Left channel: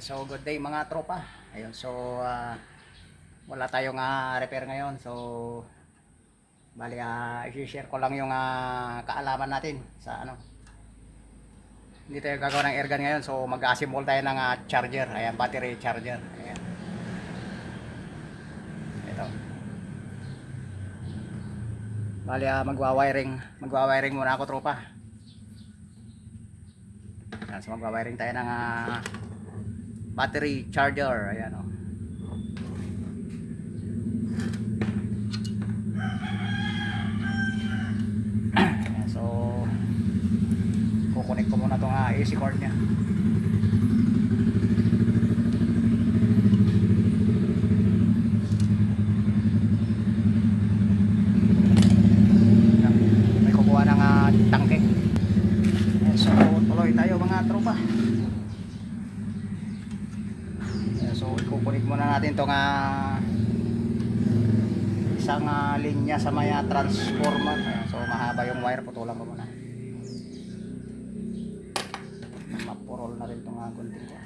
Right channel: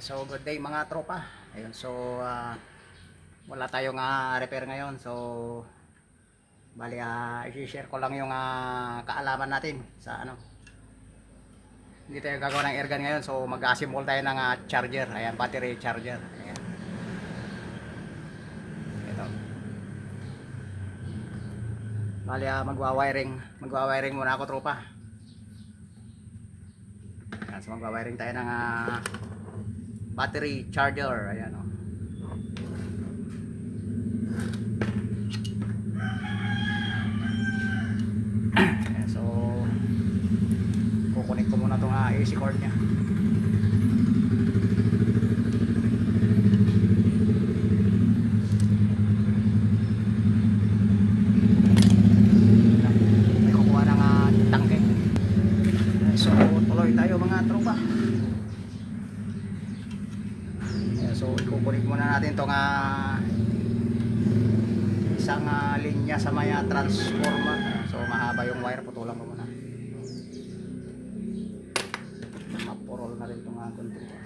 So good day mga tropa. Ayun, so wala tayong repair ngayon. So bali i-share ko lang yung kaalaman natin sa ano. Hindi tayo gagawa ng airgun ngayon. So mag-assemble tayo ng charger. Ayan, battery charger. Ayan. Ito. Bali magwa-wiring muna ako tropa. Ayan, so magwa-wiring tayo ng battery charger. Ayan oh. Ayan, so kukunik ko muna itong AC cord nya. Kukuha ng tangke. Ayan, so tuloy tayo mga tropa. Ayan, so ikukunik muna natin itong isang linya sa may transformer. Ayan, so mahaba yung wire, putulan ko muna. Mapurol na rin itong gunting ko.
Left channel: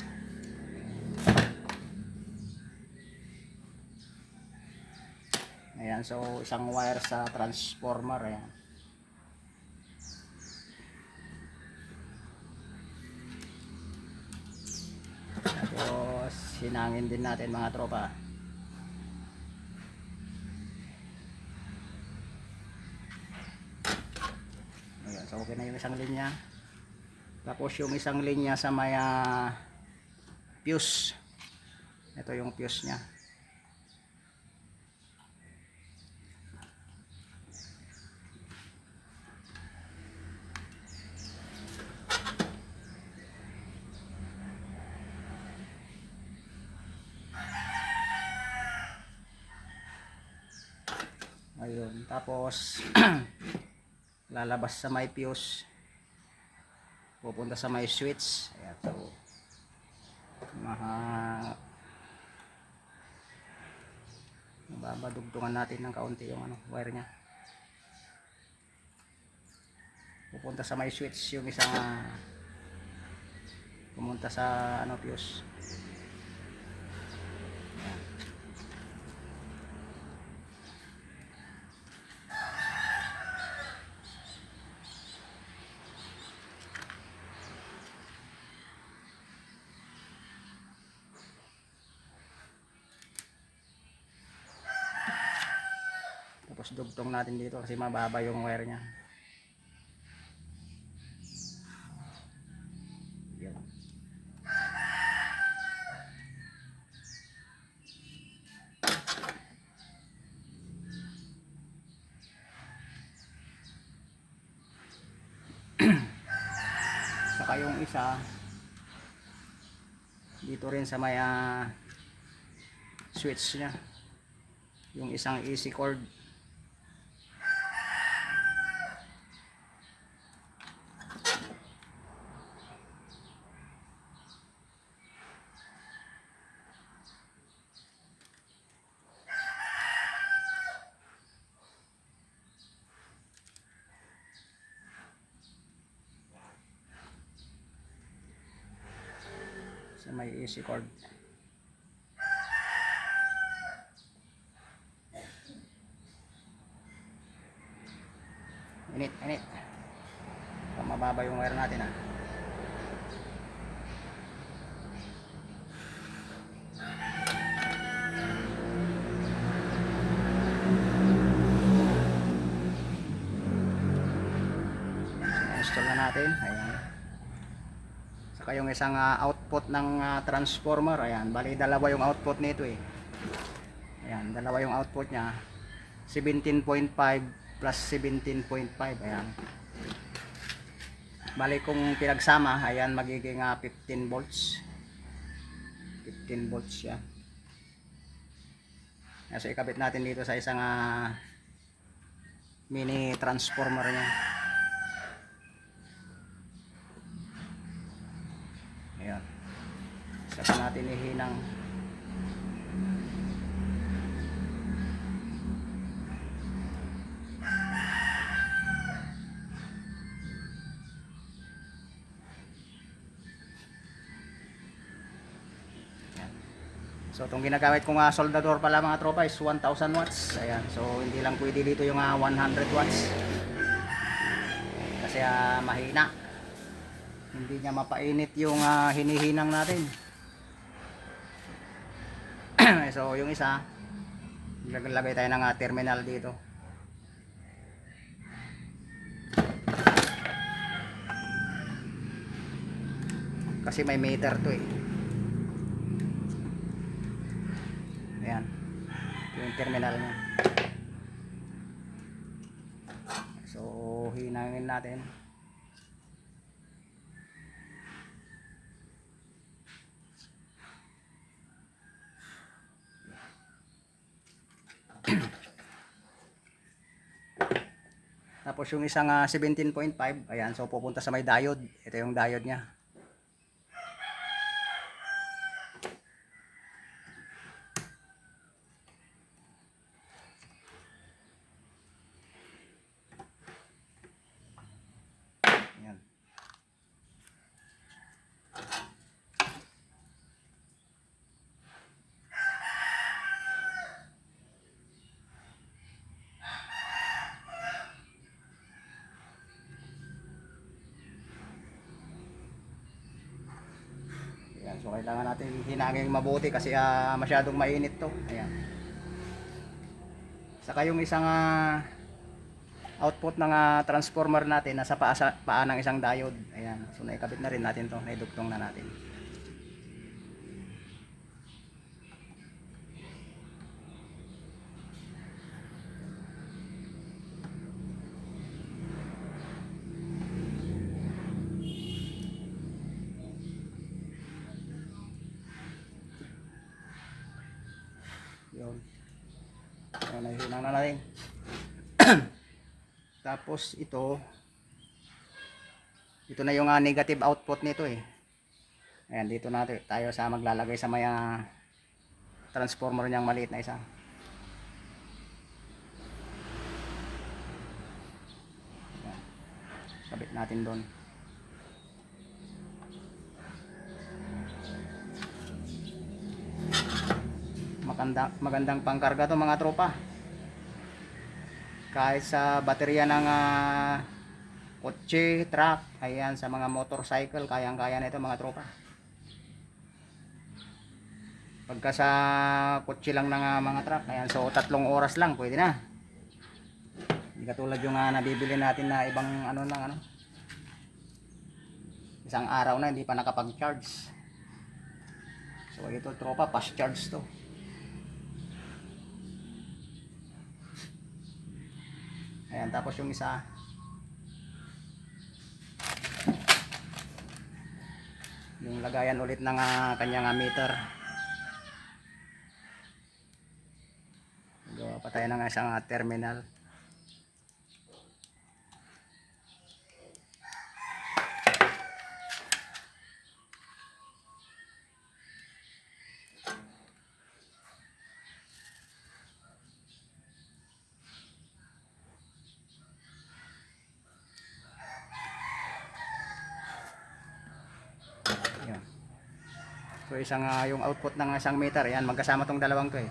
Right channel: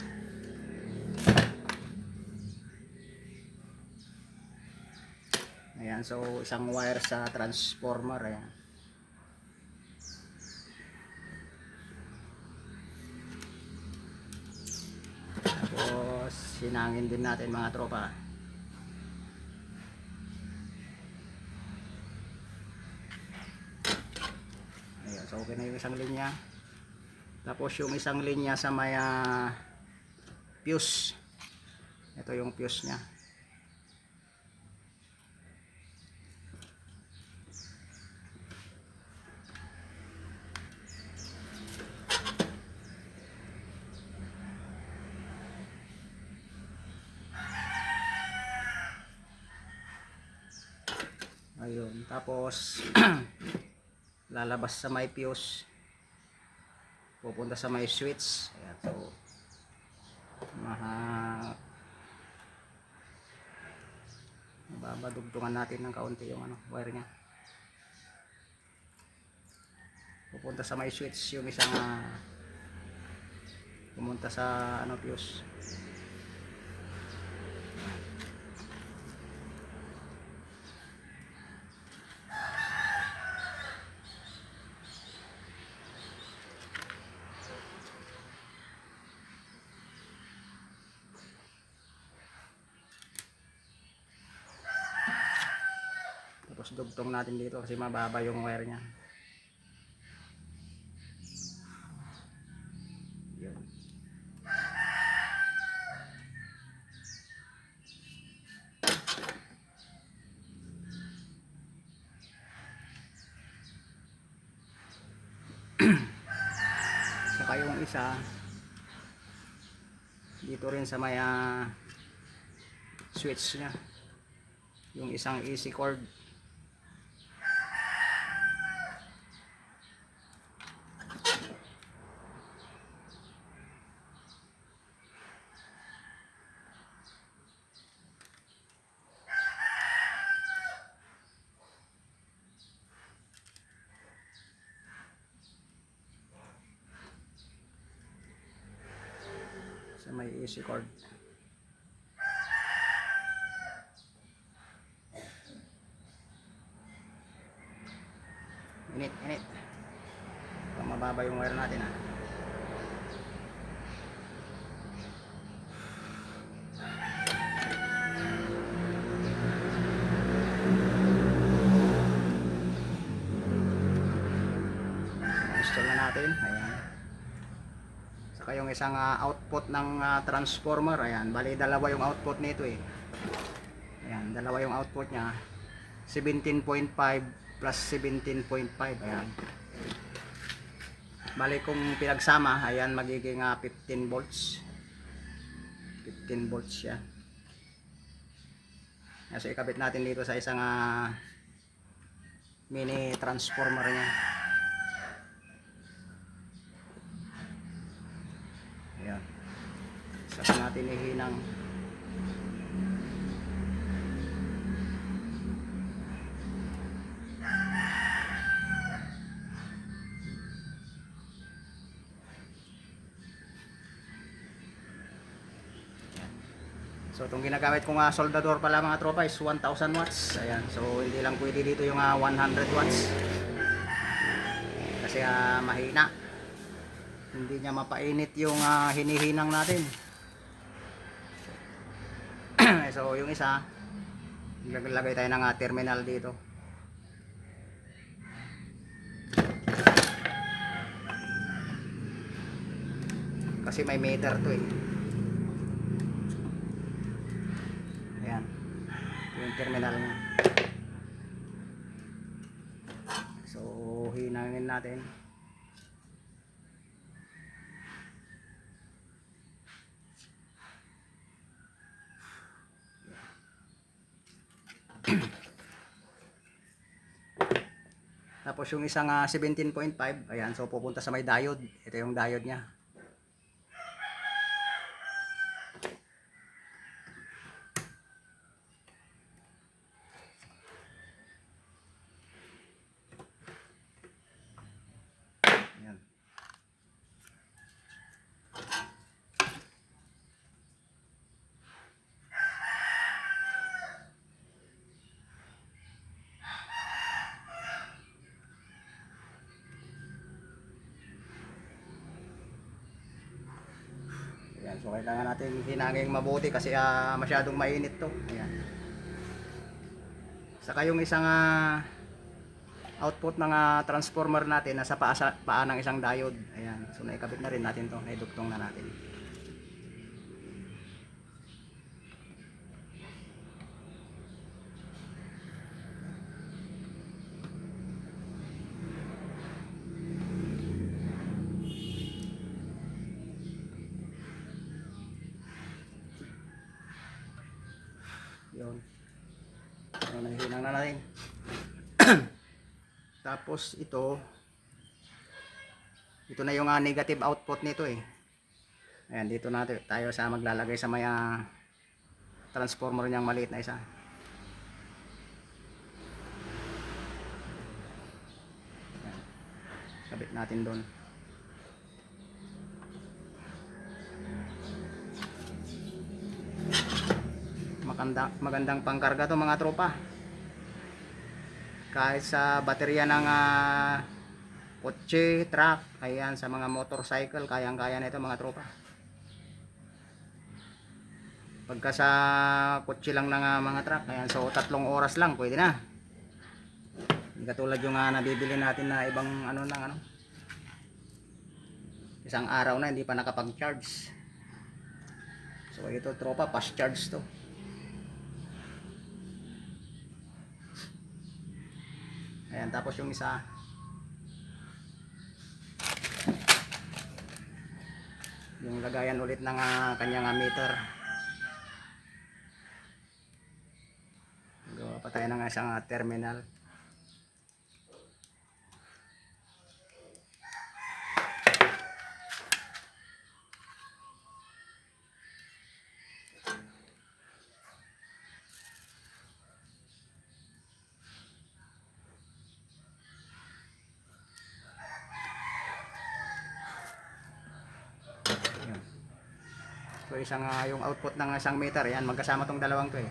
Ayan, so isang wire sa transformer. Ayan. Tapos sinangin din natin mga tropa. Ayan, so okay na yung isang linya. Tapos yung isang linya sa may fuse. Ito yung fuse nya. Ayun, tapos lalabas sa may fuse, pupunta sa may switch. Ayan, so babadugtungan natin ng kaunti yung wire nya. Pupunta sa may switch yung isang pumunta sa fuse. Tapos dugtong natin dito kasi mababa yung wire nya. Yan. Saka yung isa dito rin sa may switch nya, yung isang AC cord. Sa may AC cord. Init. Mababa yung wire natin install na natin. Ayan. Saka yung isang output ng transformer. Ayan, bali dalawa yung output nito Ayan, dalawa yung output nya. 17.5 plus 17.5. Ayan. Bali kung pinagsama, ayan, magiging 15 volts. 15 volts siya. So ikabit natin dito sa isang mini transformer nya. Ayan. Saka natin ihinang. So itong ginagamit kong soldador pala mga tropa is 1000 watts. Ayan, so hindi lang pwede dito yung 100 watts. Kasi mahina. Hindi niya mapainit yung hinihinang natin. So yung isa, ilagay tayo ng terminal dito. Kasi may meter to eh. Ayan, yung terminal niya. So hinangin natin. Tapos yung isang 17.5, ayan, so pupunta sa may diode. Ito yung diode niya. Ayan. Ayan, so kailangan natin hinangin mabuti kasi masyadong mainit to. Ayan. Saka yung isang output ng transformer natin nasa paa ng isang diode. Ayan, so naikabit na rin natin to, naidugtong na natin. Yun. So nahihinang na natin. Tapos ito na yung negative output nito eh. Ayan, dito natin tayo sa maglalagay sa may transformer niyang maliit na isa. Ayan. Kabit natin doon. Magandang pangkarga to mga tropa. Kahit sa baterya ng kotse, truck, ayan, sa mga motorcycle, kayang-kaya na ito mga tropa. Pagka sa kotse lang ng mga truck, ayan, so 3 oras lang pwede na. Hindi katulad yung nabibili natin na ibang isang araw na hindi pa nakapag-charge. So ito tropa, fast charge to. Ayan, tapos yung isa, yung lagayan ulit ng kanyang meter. Gawa pa tayo ng isang terminal. So isang yung output ng isang meter, yan magkasama tong dalawang to eh.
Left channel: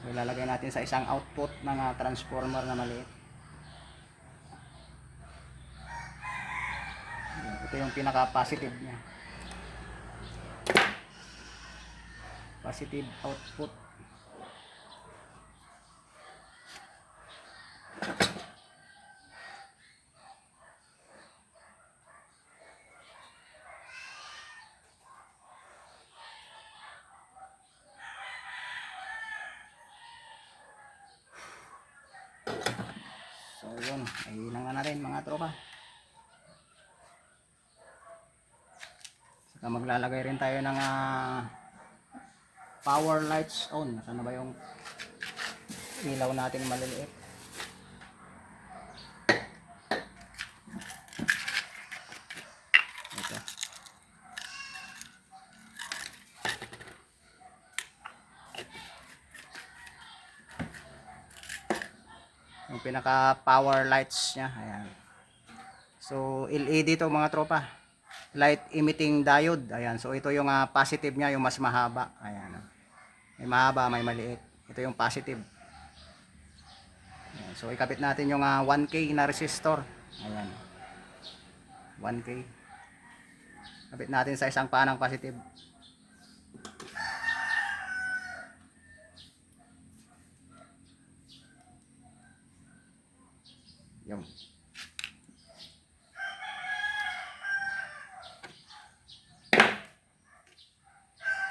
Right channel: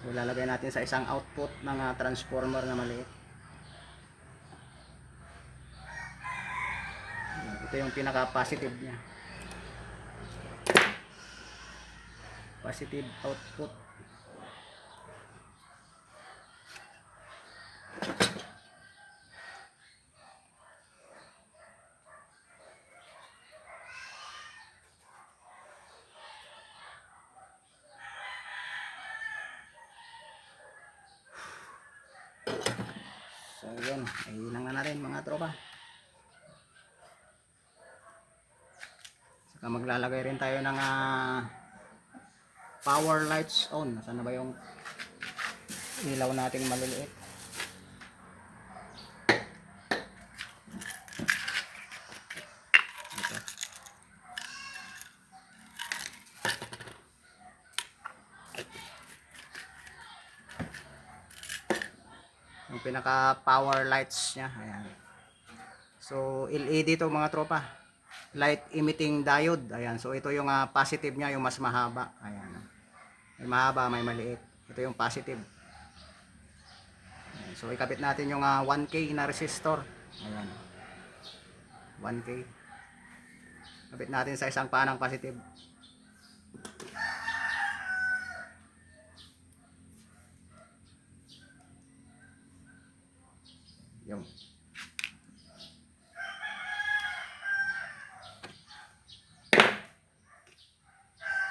So ilalagay natin sa isang output ng transformer na maliit. Ito yung pinaka positive niya. Positive output. So yun, ilang na natin mga tropa. Saka maglalagay rin tayo ng power lights on. Nasaan na ba yung ilaw nating maliliit? Ito. Yung pinaka power lights nya. Ayan. So LED to mga tropa. light emitting diode. Ayan, so ito yung positive niya, yung mas mahaba. Ayan. May mahaba, may maliit. Ito yung positive. Ayan, so ikabit natin yung 1K na resistor. Ayan. 1K. Kabit natin sa isang panang positive. Yung.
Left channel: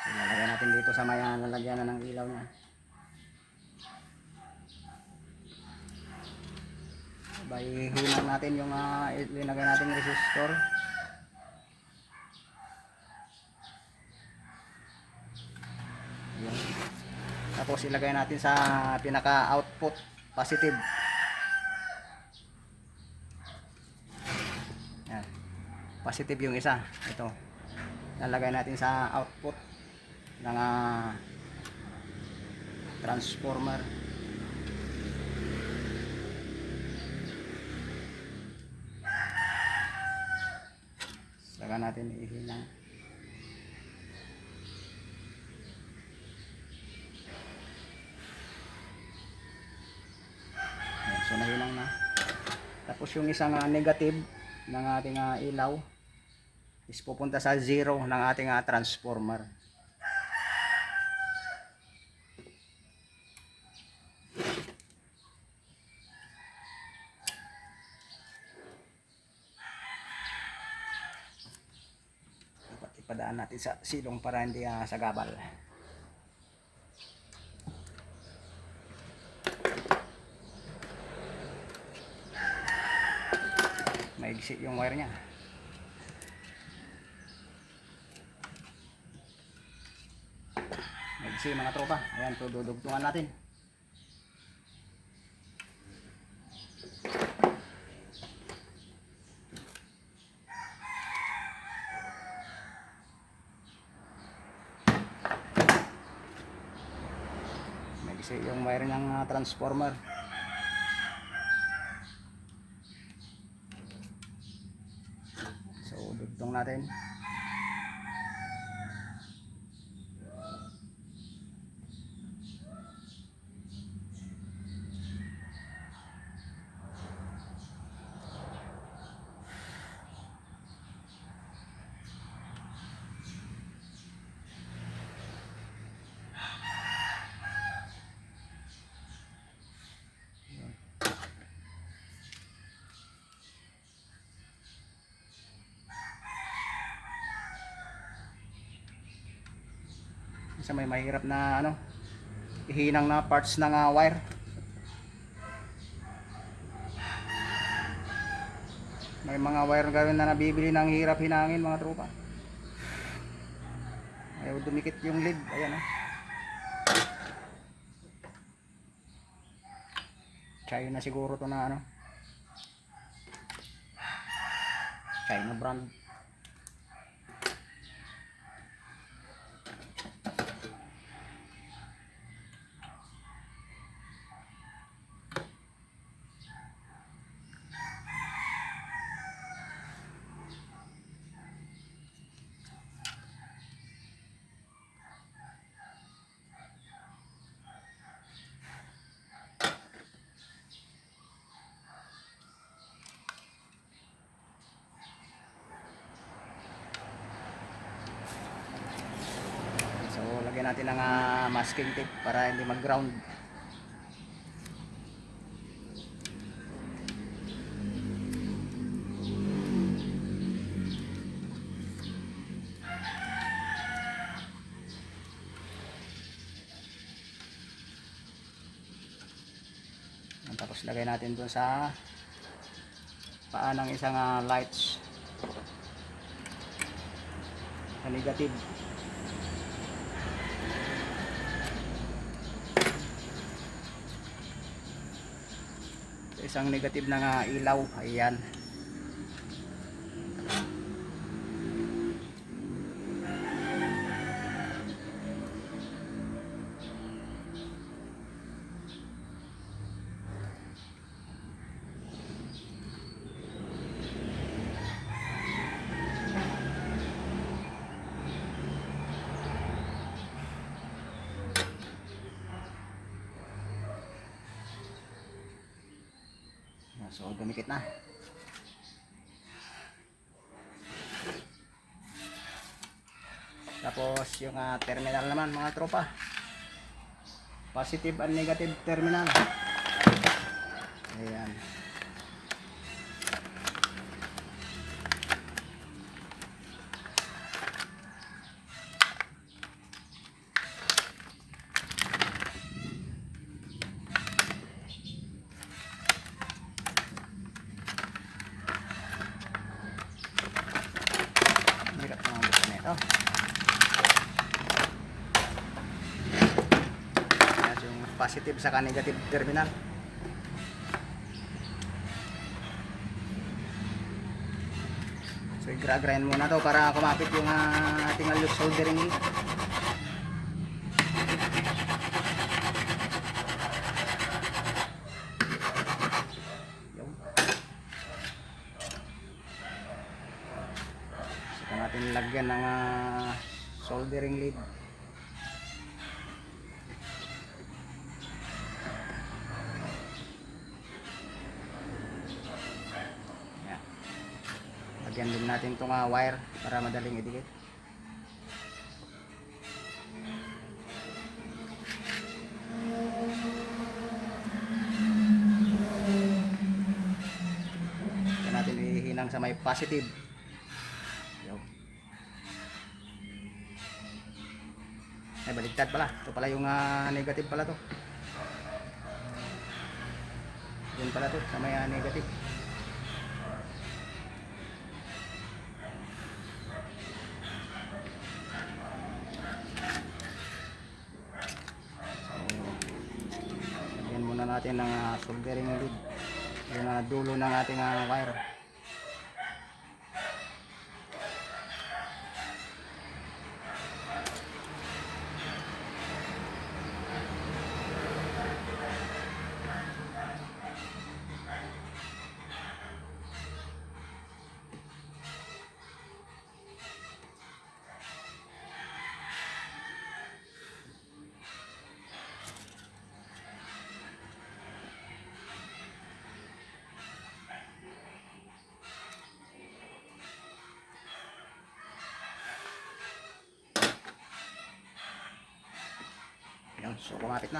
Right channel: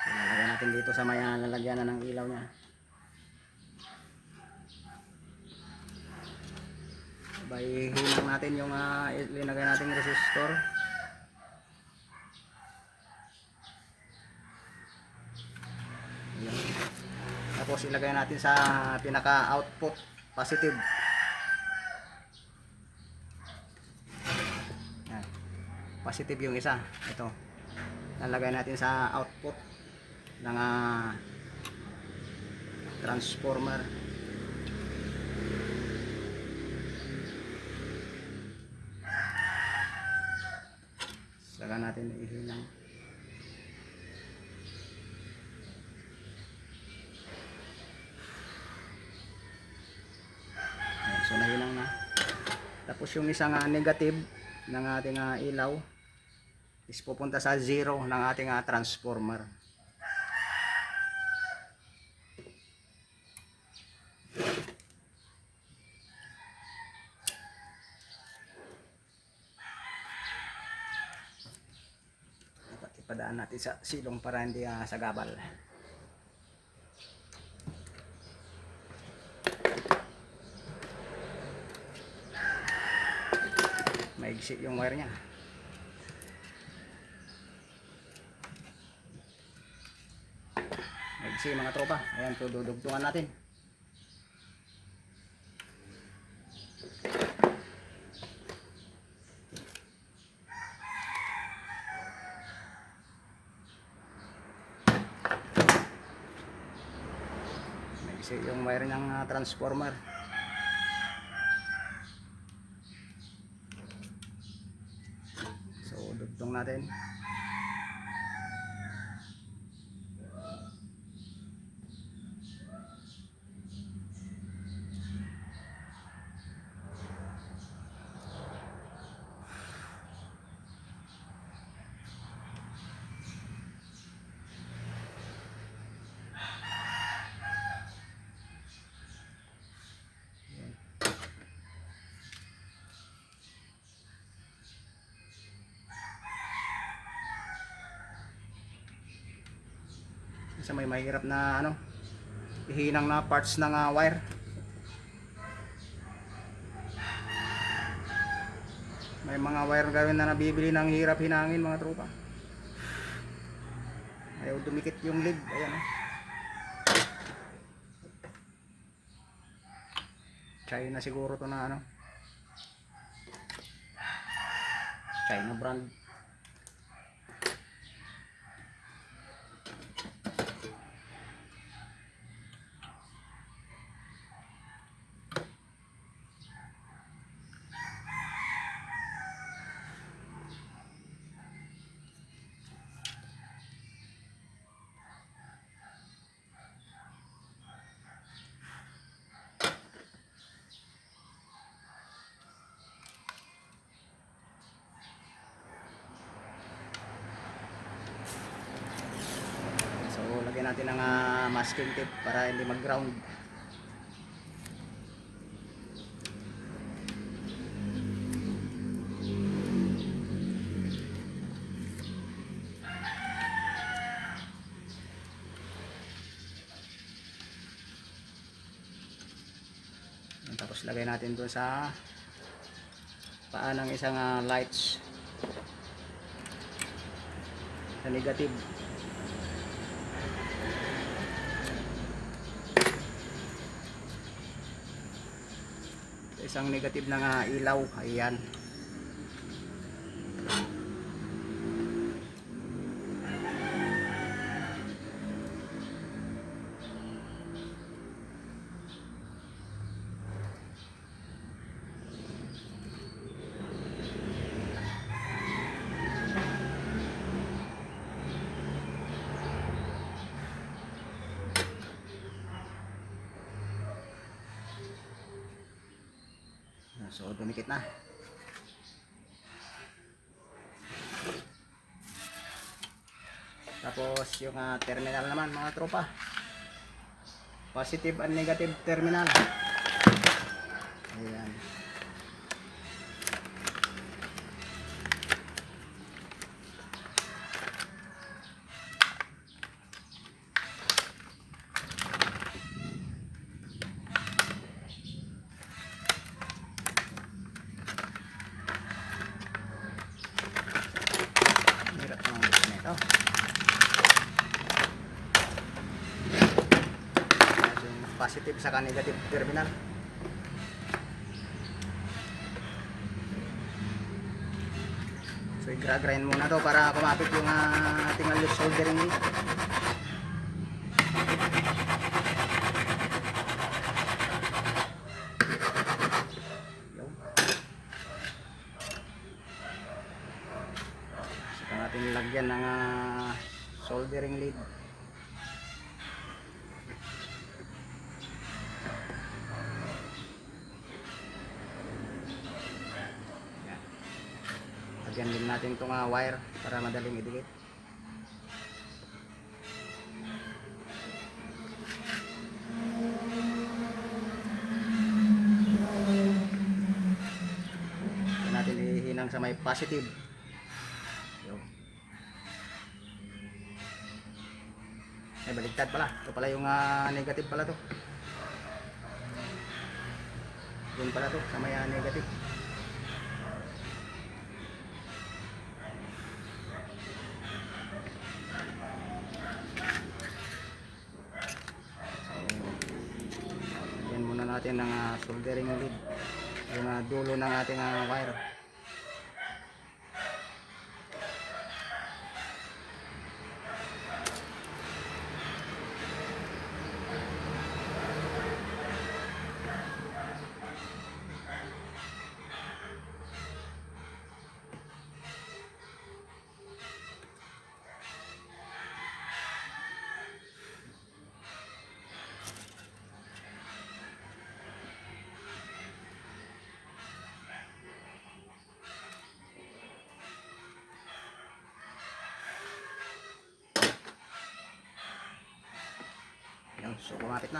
So, lalagyan natin dito sa may lalagyan na ng ilaw niya. Sabay hinang natin yung ilinagay nating resistor. Ayan. Tapos ilagay natin sa pinaka output positive. Ayan. Positive yung isa. Ito. Lalagay natin sa output ng transformer. Saka natin ihinang. Ayan, so nahinang na. Tapos yung isang negative ng ating ilaw is pupunta sa 0 ng ating transformer. Ipadaan natin sa silong para hindi sagabal. Maigsi yung wire niya. Maigsi mga tropa. Ayan, so dudugtungan natin. Maigsi yung wire ng transformer. So dugtong natin. Isa may mahirap na ihinang na parts ng wire. May mga wire gawin na nabibili ng hirap hinangin mga tropa. Ayaw dumikit yung lead. Ayan China siguro to na China brand. So lagyan natin ng masking tape para hindi mag-ground. Tapos lagay natin doon sa paa ng isang lights sa negative. Isang negative na ilaw. Ayan. So dumikit na. Tapos yung terminal naman mga tropa. Positive and negative terminal. Ayan. Hirap na ang gusto nito. Positive saka negative terminal. So i-grind muna to para kumapit yung ating loose soldering wheel. Saka natin lagyan ng soldering lead. Lagyan din natin itong wire para madaling idikit. Lagyan natin ihinang sa may positive. Ay, baligtad pala. Ito pala yung negative pala to. Yan pala to sa may negative. Natin ng soldering lead yung dulo ng ating wire. So kumapit na.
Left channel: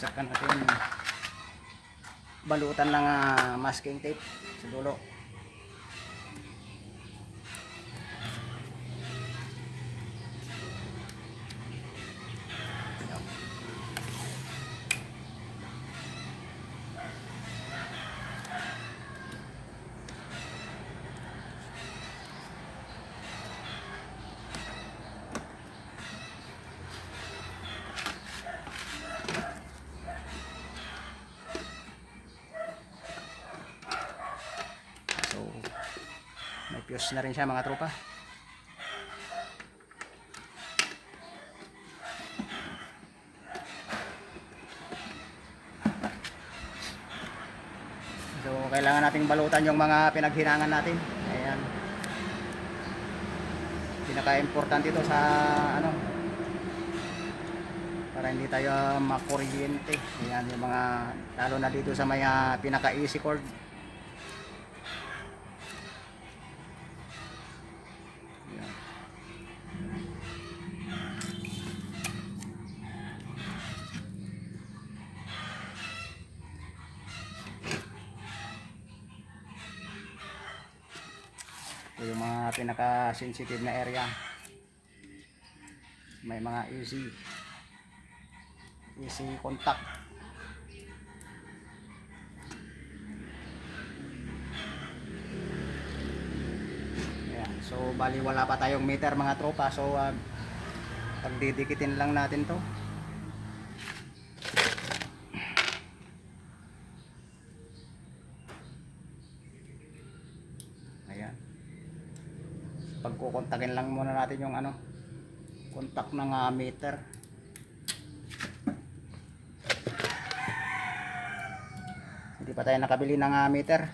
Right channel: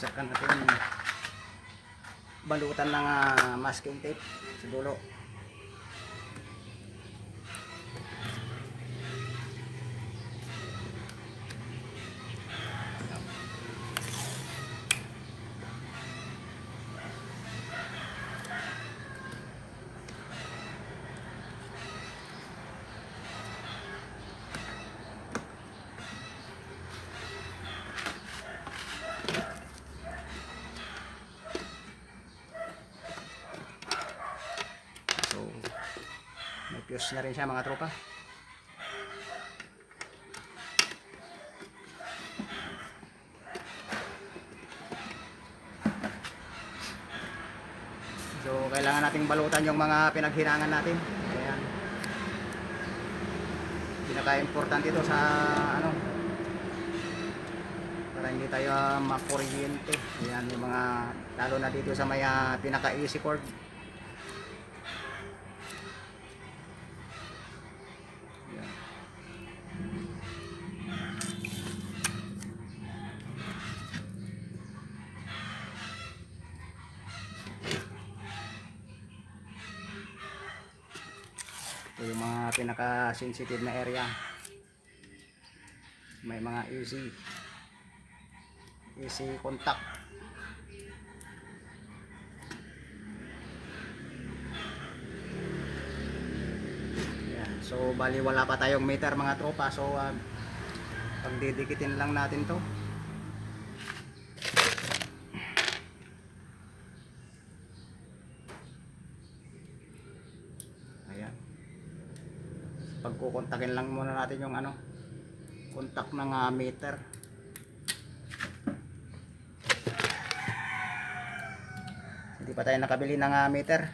Saka natin balutan ng masking tape sa dulo. Fuse na rin siya mga tropa. So kailangan nating balutan yung mga pinaghinangan natin. Ayan. Pinaka-importante ito sa para hindi tayo makuryente. Ayan yung mga lalo na dito sa may pinaka-easy cord. Ito yung mga pinaka-sensitive na area. May mga easy contact. Yeah. So bali wala pa tayong meter mga tropa. So pagdidikitin lang natin to. Pagkukontakin lang muna natin yung contact ng meter. Hindi pa tayo nakabili ng meter.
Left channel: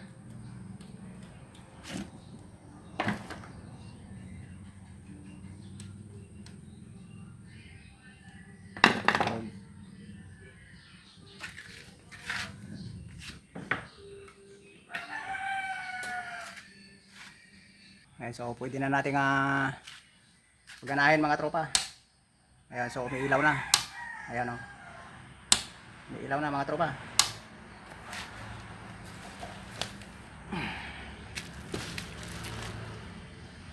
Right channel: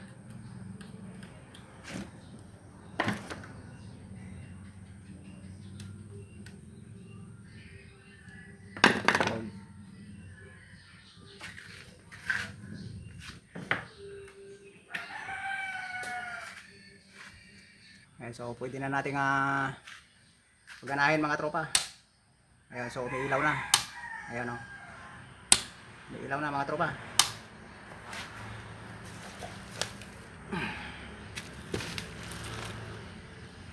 Ayan, so pwede na nating paganahin mga tropa. Ayan, so umiilaw na. Ayan o. Umiilaw na mga tropa.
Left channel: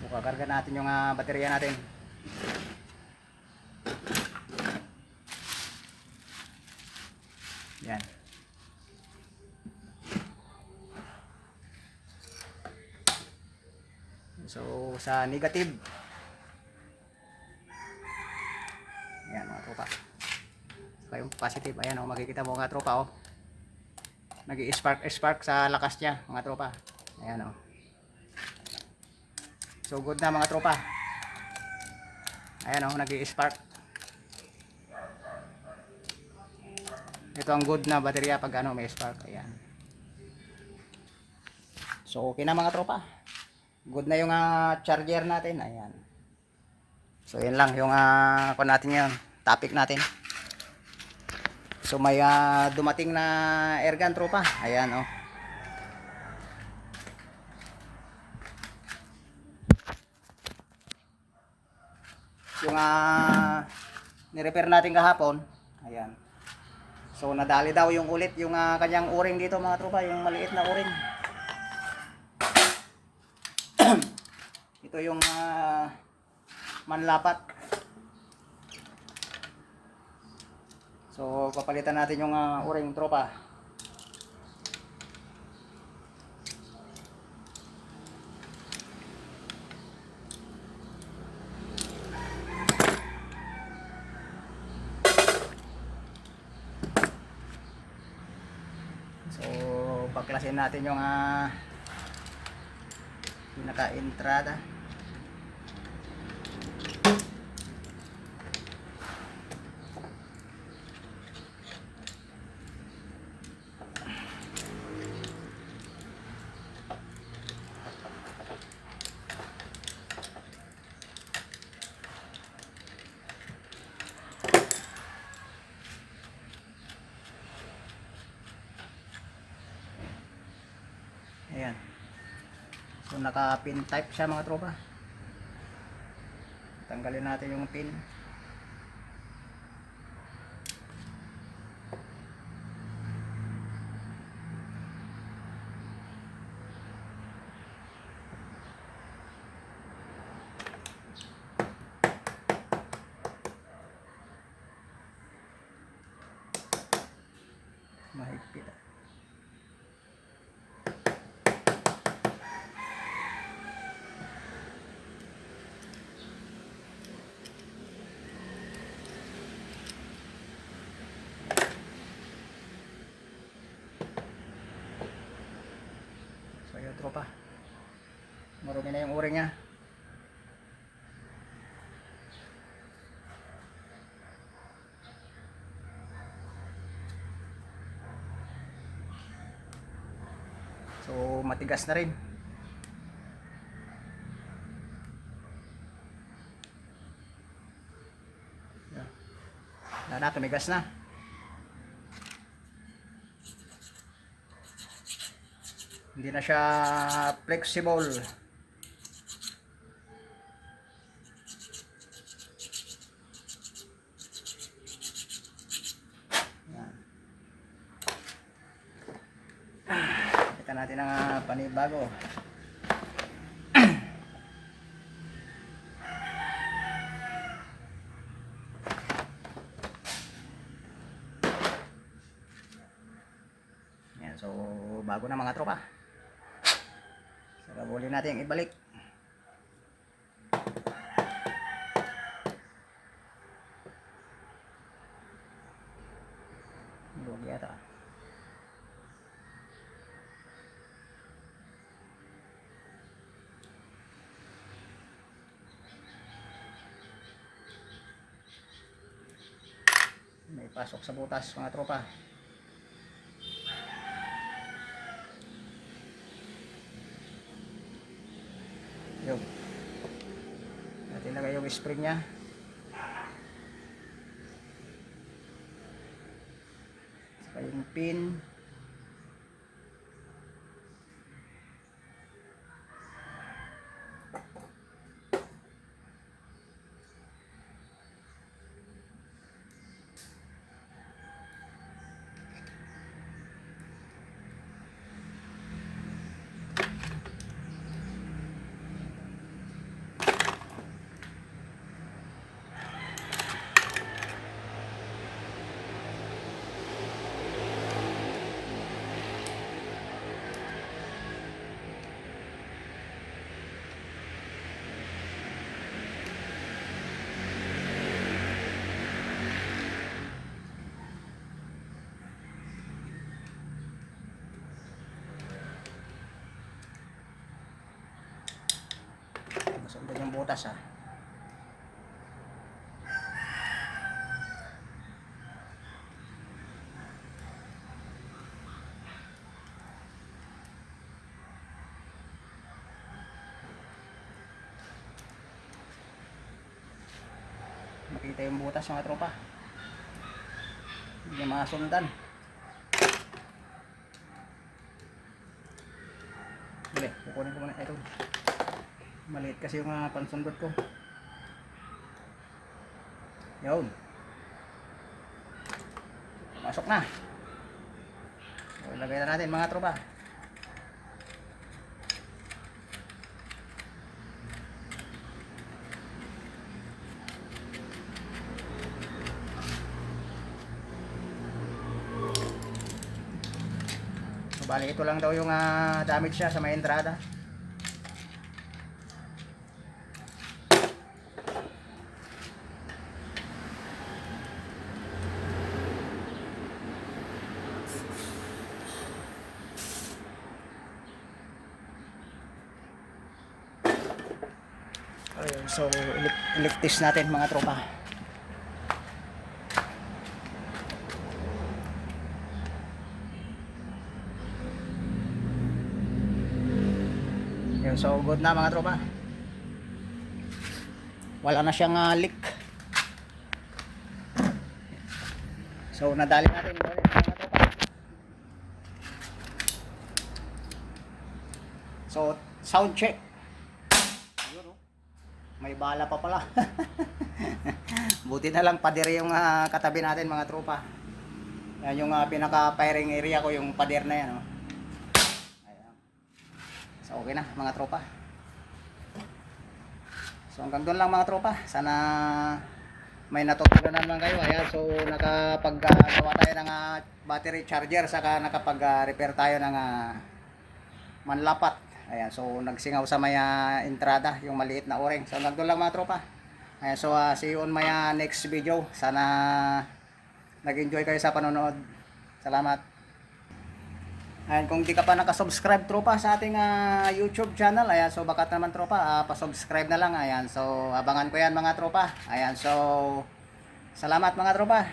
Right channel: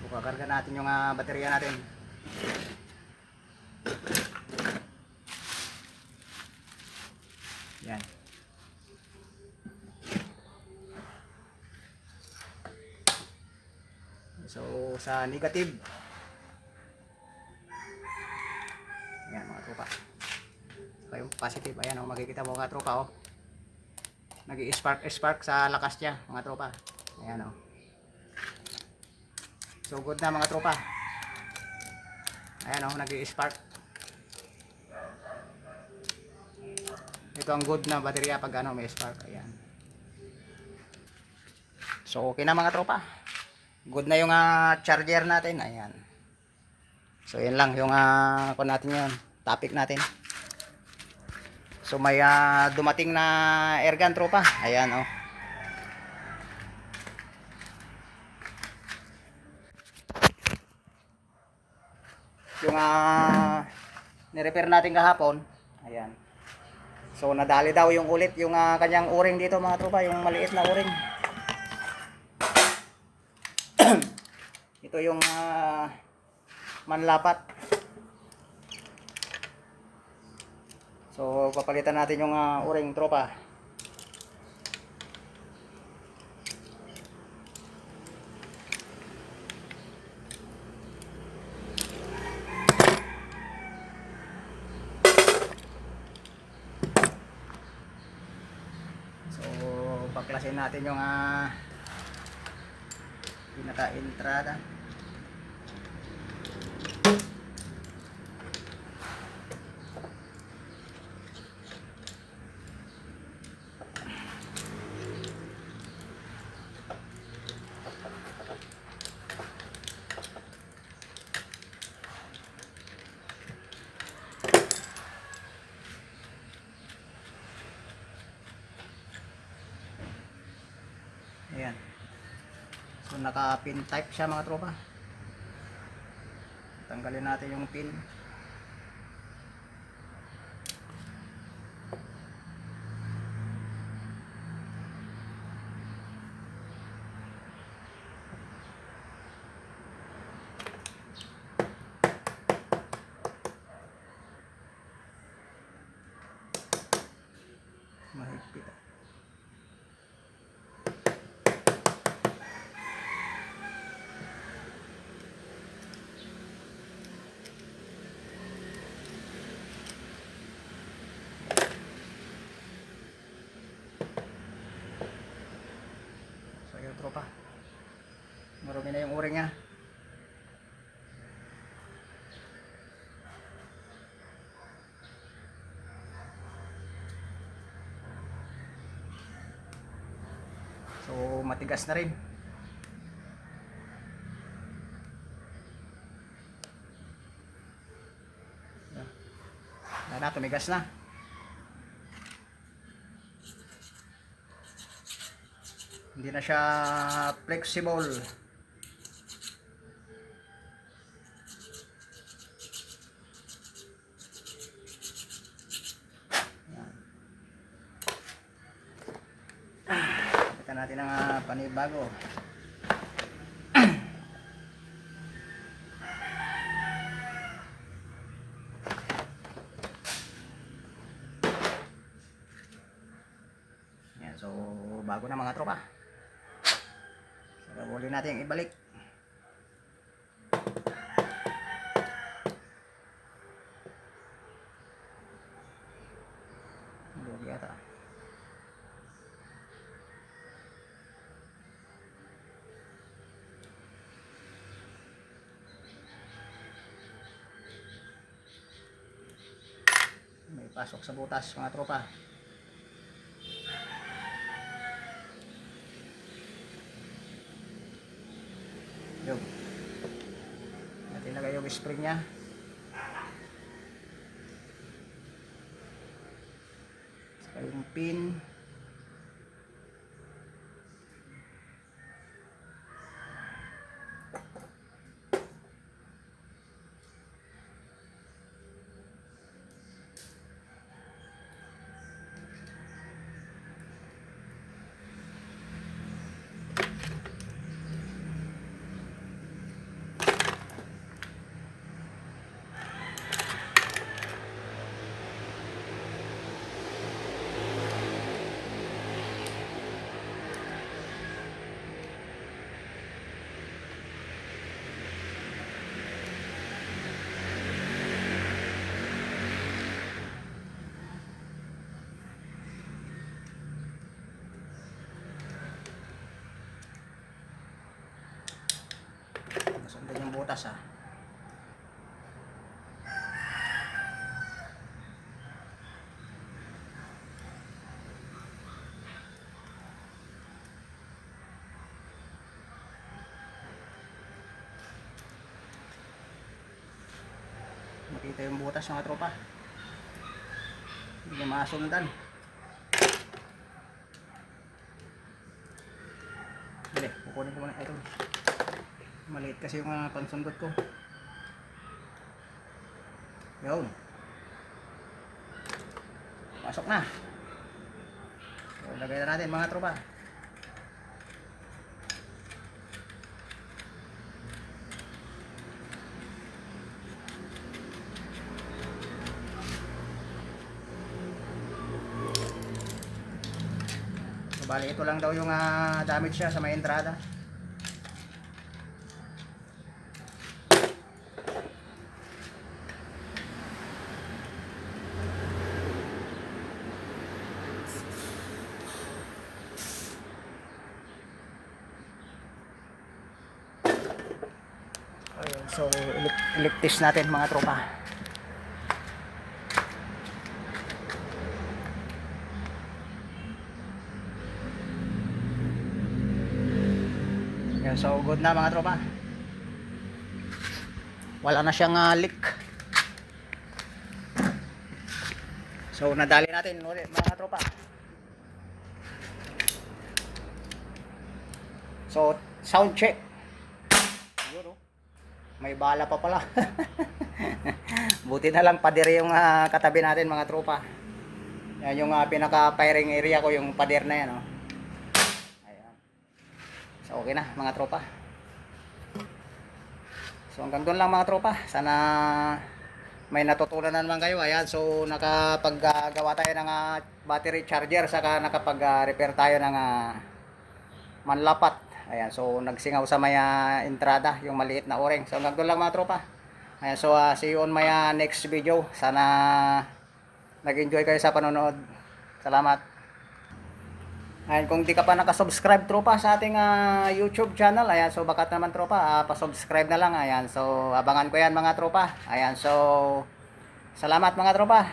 Kakarga natin yung baterya natin. Yan. So sa negative. Yan mga tropa. Saka yung positive. Ayan o, makikita mo mga tropa o. Nag-i-spark sa lakas niya mga tropa. Ayan o. So good na mga tropa. Ayan o, nag-i-spark. Ito ang good na baterya pag may spark. Ayan. So okay na mga tropa. Good na yung charger natin. Ayan. So yan lang yung kung natin yun, topic natin. So may dumating na airgun tropa. Ayan oh. Yung ni-repair natin kahapon. Ayan. So nadali daw yung ulit yung kanyang o-ring dito mga tropa, yung maliit na o-ring. Ito yung manlapat. So papalitan natin yung o-ring tropa. So paklasin natin yung pinaka-entrada. Ayan. So naka-pin type siya mga tropa. Tanggalin natin yung pin. Mahigpit. So yun tropa, marumi na yung o-ring niya. So matigas na rin. Wala na, tumigas na. Hindi na siya flexible. Kita natin ang panibago. Yan, so bago na mga tropa. So uli natin ibalik. Lugi ata. May pasok sa butas mga tropa. Yun. Natin lagay yung spring nya. Saka yung pin. butas ha. Makita yung butas mga tropa. Hindi niya masundan. Sige, kukunin ko muna ito. Maliit kasi yung pansundot ko. Yun. Pasok na. So, lagay na natin mga tropa. Bali ito lang daw yung damage siya sa may entrada. So electis natin mga tropa. So good na mga tropa. Wala na siyang leak. So nadali natin ulit mga tropa. So sound check. Yun, oh. May bala pa pala. Buti na lang pader yung katabi natin mga tropa. Yan yung pinaka firing area ko, yung pader na yan, oh. So okay na mga tropa. So hanggang doon lang mga tropa. Sana may natutunan na naman kayo. Ayan, so nakapaggawa tayo ng battery charger, saka nakapag-repair tayo ng manlapat. Ayan, so nagsingaw sa may entrada, yung maliit na o-ring. So hanggang doon lang mga tropa. Ayan, so see you on my next video. Sana nag-enjoy kayo sa panonood. Salamat. Ayan, kung di ka pa nakasubscribe tropa sa ating YouTube channel, ayan, so baka naman tropa, pa-subscribe na lang. Ayan, so abangan ko yan mga tropa. Ayan, so salamat mga tropa.